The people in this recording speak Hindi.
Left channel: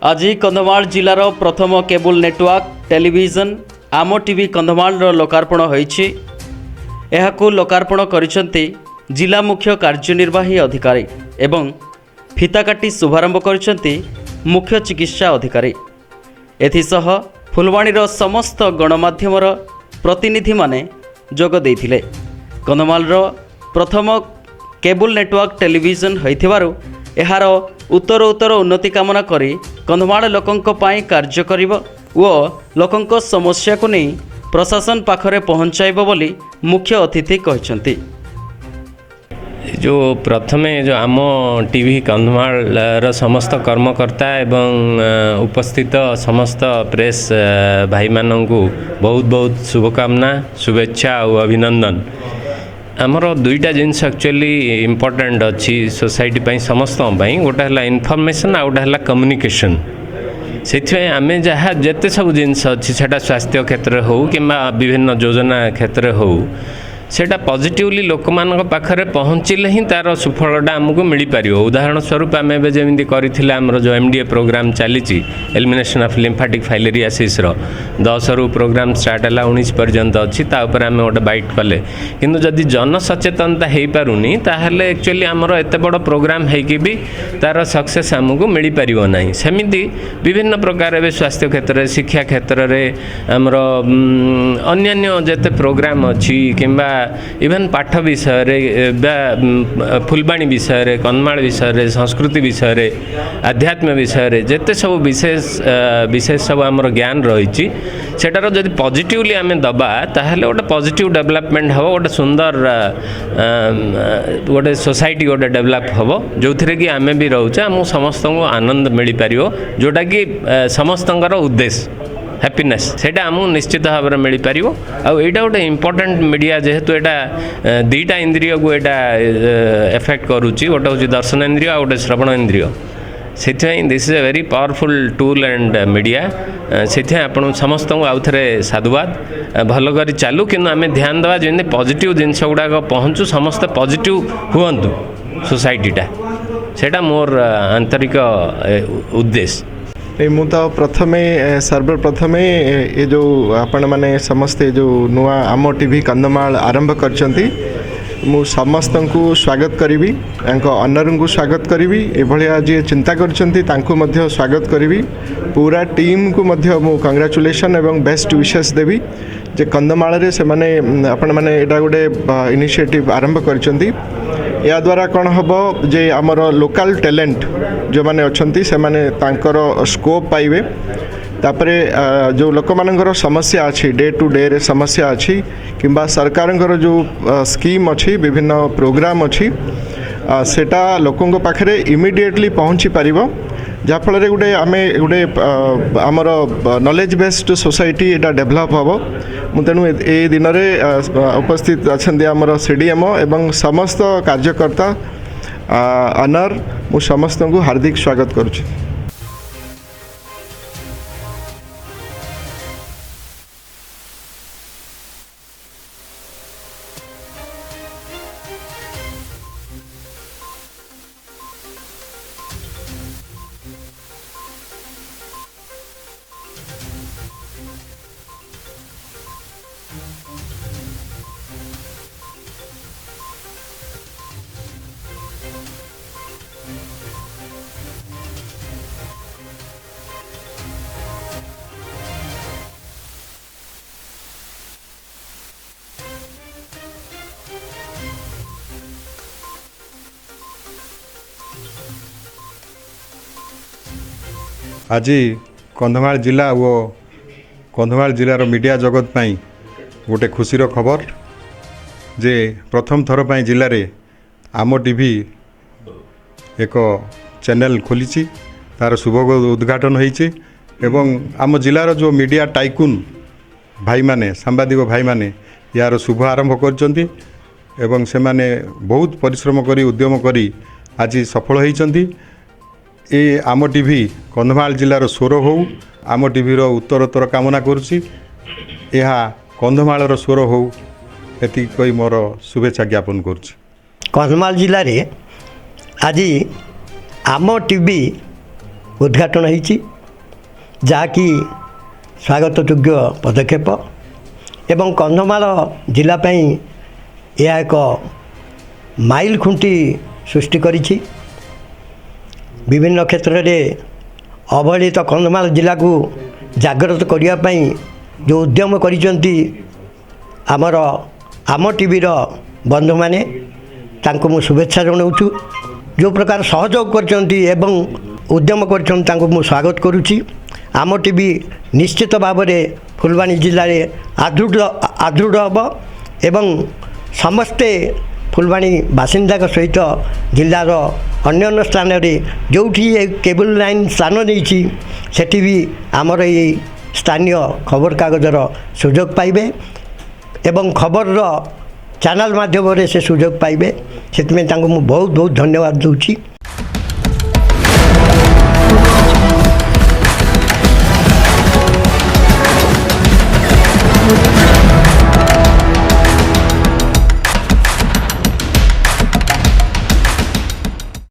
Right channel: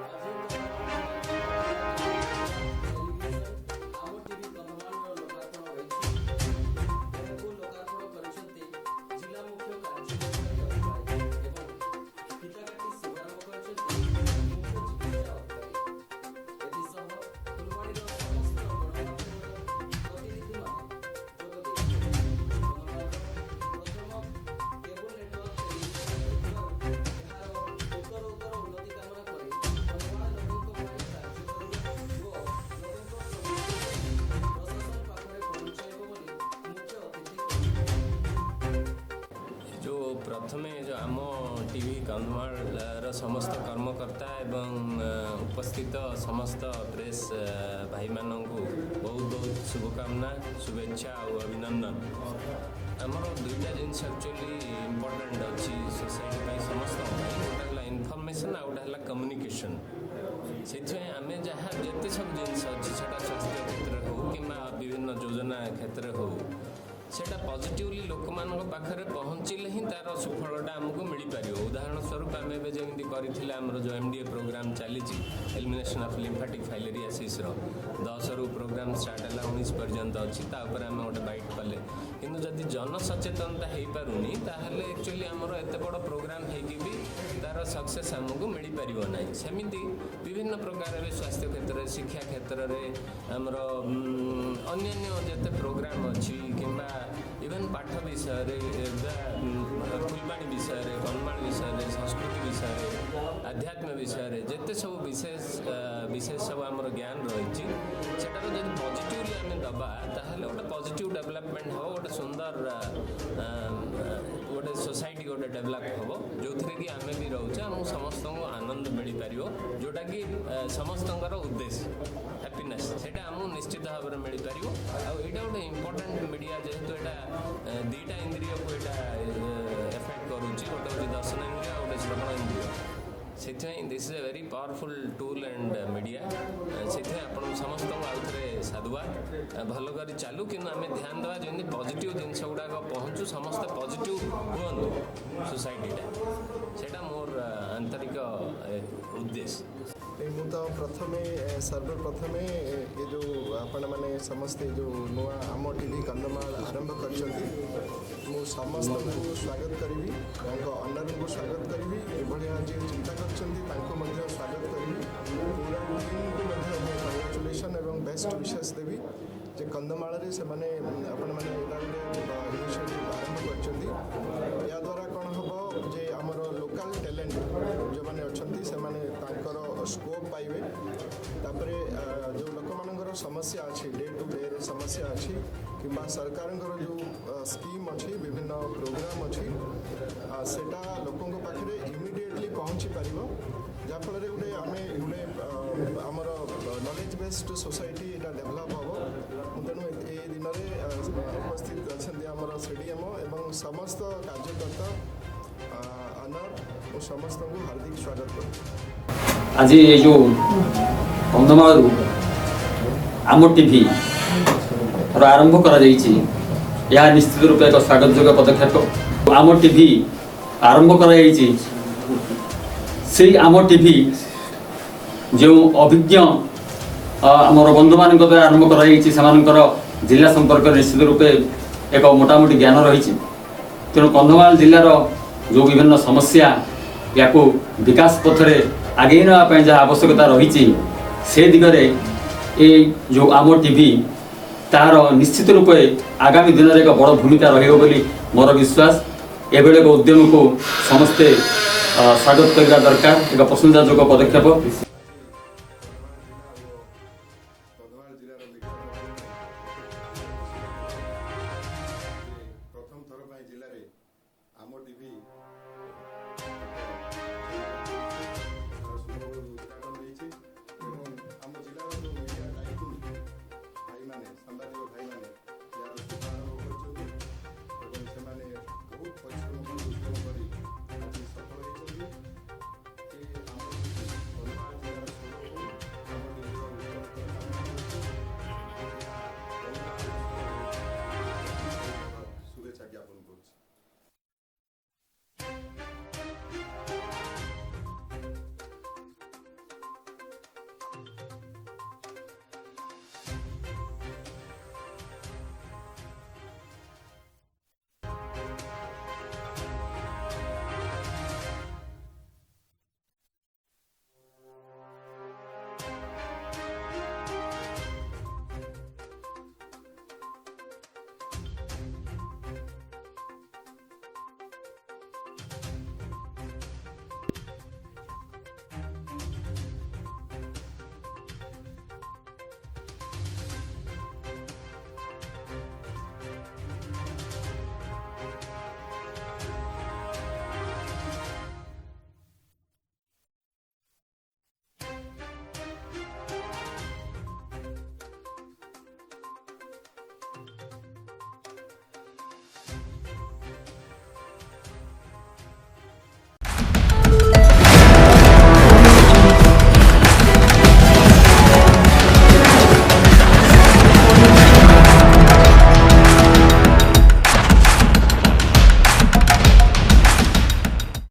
आज कंधमाल जिलार प्रथम केबल नेटवर्क टेलीविजन आम टीवी कंधमाल लोकार्पण होईछि। एहाकु लोकार्पण करिसेंती जिला मुख्य कार्यनिर्वाही अधिकारी एवं फिता काटी शुभारंभ करिसेंती मुख्य चिकित्सा अधिकारी। एथिसह फुलवाणीर समस्त गणमाध्यमर प्रतिनिधि माने जोग देइथिले। कंधमालर प्रथम केबल नेटवर्क टेलीविजन होइथिबारु एहार उत्तर उन्नति कामना करी कंधमाल लोकंक पाई कार्य करिब ओ लोकंक समस्या को नहीं प्रशासन पाखरे पहुंचाइब बोली मुख्य अतिथि कहछंती। जो प्रथमे जो आम टीवी कंधमाल समस्त कर्मकर्ता एवं उपस्थित समस्त प्रेस भाई मानू बहुत बहुत शुभकामना शुभेच्छा और अभिनंदन। आमर दुईटा जिनस एक्चुअली इम्पोर्टेंट अच्छी सोसाइटी पाई समस्त गोटे है इनफॉरमेशन आ गोटे है कम्युनिकेशन। से आम जहाँ जिते सब जिनस अच्छी सेटा स्वास्थ्य क्षेत्र हो कि विभिन्न योजना क्षेत्र हो सेटा पॉजिटिवली लोक मान पाखरे पहुँचले ही तार सुफलटा आमको मिल पार। उदाहरण स्वरूप आम जमी करथिले आमर जो एमडीए प्रोग्राम चली एलिमिनेशन ऑफ लिम्फेटिक फाइलेरियासिस 10 रु प्रोग्राम स्टार्ट है 19 पर्यंत अच्छी तापर आम गोटे बाइट कले किंतु जदि जन सचेतनता हो पारुनी ताहले एक्चुअली आमर एत बड़ प्रोग्राम होगी भी तार सक्सेस आमको मिल पार ना। सेमिति विभिन्न प्रकार स्वास्थ्य क्षेत्र शिक्षा क्षेत्र में आमर अन्य जिते प्रोग्राम अच्छी किंबा इवेन पाठ विषय फुलवाणी विषय कंधमाल विषय संस्कृति विषय आध्यात्म विषय जिते सब विशेष सब आमर ज्ञान रही सेटार जदि पॉजिटिवली आम दबा ताहले गोटे पॉजिटिव डेवलपमेंट हम गोटे सुंदर गोटे सोसाइटी गोटे डेवलप हम जो थे कि आम भी रोचे आम समस्त को आनंद मिल पार जोटा कि समस्त उद्देश्य हैप्पीनेस सेटा आमको निश्चित भाव में मिल पार। आईटा गोटे इम्पोर्टेंट मीडिया जेहेतु यहाँ दुईटा इंद्रिय को यहाँ एफेक्ट करुच्ची गोटे हूँ दर्शन इंद्रिय आ गोटे श्रवण इंद्रिय से this is a very powerful tool and media से आपण समस्त को आउ थे साधुवाद भल कर चालू कि आम ध्यान देवा जमी पॉजिटिव जिनस गुड़ाक पहुँचू समस्त पॉजिटिव हुंतु सोसाइटीटा सेटा मोर आंतरिक उद्देश्य। मु तो प्रथमे सर्वप्रथमे ये जो आपण माने समस्ते जो नुआ आम टीवी कंधमाल आरंभ करचंती मु समस्त को स्वागत करी ऑनर को स्वागत करी एभलिया जी चिंता करचंती तांको मध्य स्वागत करी पूरा टीम को मध्य मु कांग्रेचुलेशन एवं बेस्ट विशेष देवी जे कंधमाल रे से माने आपण माने एटा गोटे इनिशिएटिव आरंभ करचंती। या द्वारा कौन हम जे आमर लोकल टैलेंट जो माने अच्छी से माने तांकर स्कोप पाइबे तापरे जो लोक मानकर समस्या अच्छी डे टू डे रे समस्या अच्छी किंबा सरकार जो स्कीम अच्छी विभिन्न प्रोग्राम अच्छी सेटा लोकों पाखरे इमिडिएटली पहुँची पारिबो जहाँफल गोटे आम गोटे आमर नॉलेज बेस्ड सोसाइटी एटा डेभलप हम तेणु ए दिन में उपस्थित अच्छा आमर सीडीएमओ एवं समस्त कार्यकर्ता ऑनर मु समस्त को हार्दिक स्वागत करुच्ची। आज ये जो कंधमाल आम टीवी आरंभ करा यह निश्चित रूप एक स्वागत योग्य पदक्षेप। आम टीवी आरंभ करा से आम टीवी जो अभिज्ञ आमर बंधु मान द्वारा आरंभ कर जिला संपर्क निश्चित रूपे एक मोटामोटी ज्ञान रही तेणु कंधमाल जिलार जो विभिन्न समस्या या विकास पथरे आगे नापी जहाँ आवश्यकता रही से दिगरे ये जो आम टीवी तार निश्चित रूपे आगामी दिन में एक बड़ भूमिका रही मोर विश्वास। एभली एक उद्यम को समस्ते स्वागत करने दरकार एक प्रशंसाजोग्य पदक्षेप। आज कंधमाल जिला वो कंधमाल जिलार मीडिया जगत पाई गोटे खुशीर खबर जे प्रथम थर पाई जिले रे आम टीवी एक चैनल खोली तार शुभ उद्घाटन होईची एवं आम जिलार जो मीडिया टाइकुन भाई माने सांबादिक भाई माने यार शुभ आरंभ करचंती एवं से माने बहुत परिश्रम करी उद्यम करी आज सफल होईचंती। ए आम टीवी कंधमाल जिलार स्वर हो आम टीवीर उत्तरोत्तर कामना करुच्ची यह कंधमाल स्वर हो एति कही मोर शुभेच्छा ज्ञापन करुच्ची। कंधमाल जिले में आज आम टीवी ଉଦ୍ଘାଟନ ହୋଇଛି, ଯାହାକି ସ୍ୱାଗତଯୋଗ୍ୟ ପଦକ୍ଷେପ ଏବଂ କନ୍ଧମାଳ ଜିଲ୍ଲା ପାଇଁ ଏହା ଏକ ମାଇଲ ଖୁଣ୍ଟି ସୃଷ୍ଟି କରିଛି। ବିଭିନ୍ନ କ୍ଷେତ୍ରରେ ଅବହେଳିତ କନ୍ଧମାଳ ଜିଲ୍ଲାକୁ ଜାଗ୍ରତ କରିବା ପାଇଁ ଯେଉଁ ଉଦ୍ୟମ କରିଛନ୍ତି ଆମର ଆମ ଟିଭିର ବନ୍ଧୁମାନେ, ତାଙ୍କୁ ମୁଁ ଶୁଭେଚ୍ଛା ଜଣାଉଛୁ। ଯେଉଁ ପ୍ରକାର ସହଯୋଗ କରିଛନ୍ତି ଏବଂ ଉଦ୍ୟମ କରିଛନ୍ତି ତାଙ୍କୁ ମୁଁ ସ୍ୱାଗତ କରୁଛି। ଆମ ଟିଭି ନିଶ୍ଚିତ ଭାବରେ ଫୁଲବାଣୀ ଜିଲ୍ଲାରେ ଆଦୃଢ଼ ହେବ ଏବଂ ସମସ୍ତେ ଫୁଲବାଣୀ ବାସିନ୍ଦାଙ୍କ ସହିତ ଜିଲ୍ଲାର ଅନ୍ୟାନ୍ୟ ସ୍ଥାନରେ ଯେଉଁଠି ଏ କେବୁଲ ଲାଇନ୍ ସ୍ଥାନ ନେଇଛି ସେଠି ବି ଆମର ଏଇ ସ୍ଥାନୀୟ ଖବରକାଗଜର ସୁଯୋଗ ପାଇବେ ଏବଂ ଖବରର ଚ୍ୟାନେଲ୍ ମାଧ୍ୟମରେ ସେ ସୁଯୋଗ ପାଇବେ। ସେଥିପାଇଁ ତାଙ୍କୁ ମୁଁ ବହୁତ ବହୁତ ଧନ୍ୟବାଦ ଦେଉଛି।